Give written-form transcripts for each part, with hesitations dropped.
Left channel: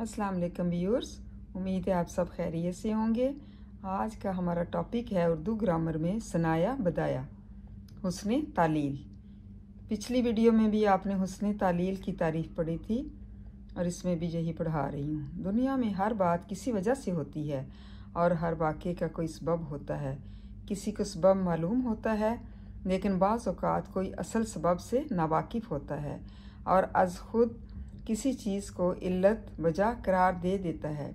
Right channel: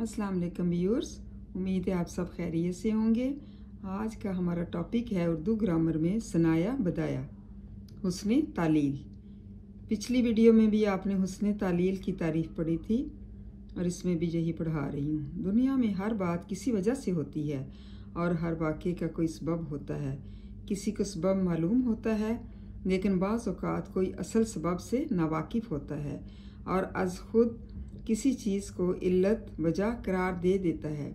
अस्सलाम वालेकुम व्यूअर्स, उम्मीद है आप सब खैरियत से होंगे। आज का हमारा टॉपिक है उर्दू ग्रामर में सनाया बदाया, हुस्न तालील। पिछली वीडियो में भी आपने हुस्न तालील की तारीफ़ पढ़ी थी और इसमें भी यही पढ़ा रही हूँ। दुनिया में हर बात किसी वजह से होती है और हर वाक़े का कोई सबब होता है। किसी को सबब मालूम होता है लेकिन बाज़ औक़ात कोई असल सबब से नावाकिफ़ होता है और अज़ खुद किसी चीज़ को इल्लत वजह करार दे देता है।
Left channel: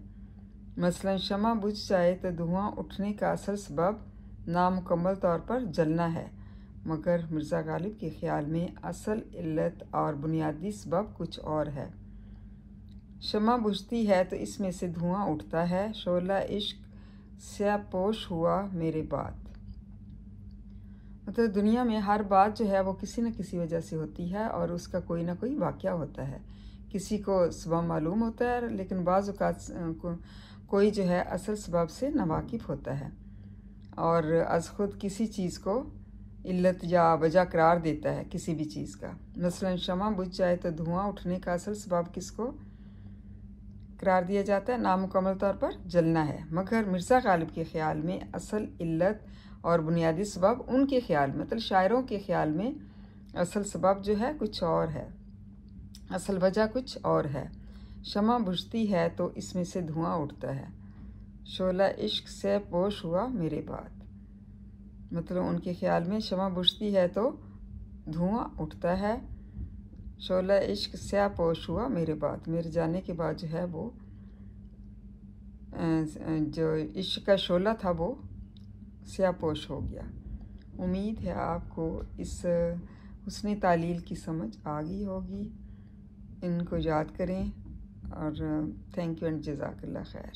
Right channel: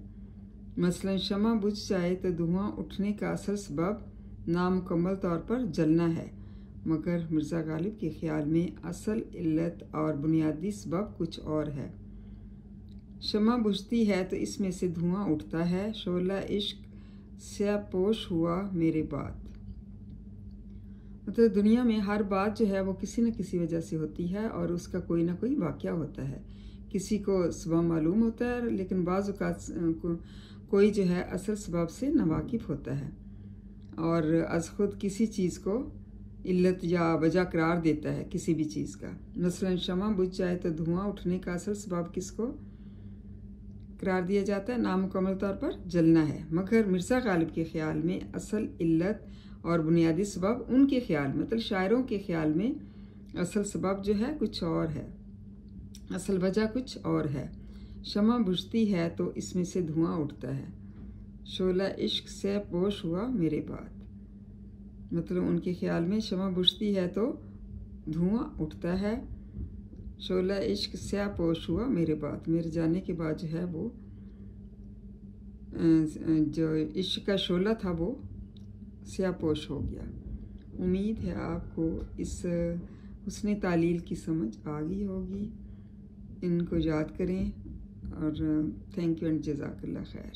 मसलन शमा बुझ जाए तो धुआं उठने का असल सबब नामुकम्मल तौर पर जलना है, मगर मिर्ज़ा गालिब के ख़्याल में असल इल्लत और बुनियादी सबब कुछ और है। शमा बुझती है तो इसमें से धुआं उठता है। शोला इश्क स्यापोश हुआ मेरे बाद। मतलब दुनिया में हर बात जो है वो किसी न किसी वजह से होती है और उसका कोई ना कोई वाक़या होता है। किसी को सबब मालूम होता है लेकिन बाज़ औक़ात कोई जो है असल सबब से नावाकिफ़ होता है और अज़ खुद किसी चीज़ को इल्लत या वजह करार देता है किसी भी चीज़ का। मसलन शमा बुझ जाए तो धुआं उठने का असल सबब किसको करार दिया जाता है? नामुकम्मल तौर पर जलना है, मगर मिर्ज़ा गालिब के ख़्याल में असल इल्लत और बुनियादी सबब उनके ख़्याल में, मतलब शायरों के ख़्याल में असल सबब जो है कुछ और है, असल वजह कुछ और है। शमा बुझती है तो इसमें से धुआं उठता है। शोला इश्क से पोश हुआ मेरे बाद। मतलब उनके ख़्याल में शमा बुझती है तो धुआं उठता है। शोला इश्क से पोश हुआ मेरे बाद, मेरे जाने के बाद जो है वो जो इश्क का शोला था वो स्यापोश हो गया। उम्मीद है आपको इस हुस्न तालील की समझ आ गई होगी। इनको याद करें और थैंक यू एंड जज़ाकल्लाह खैर।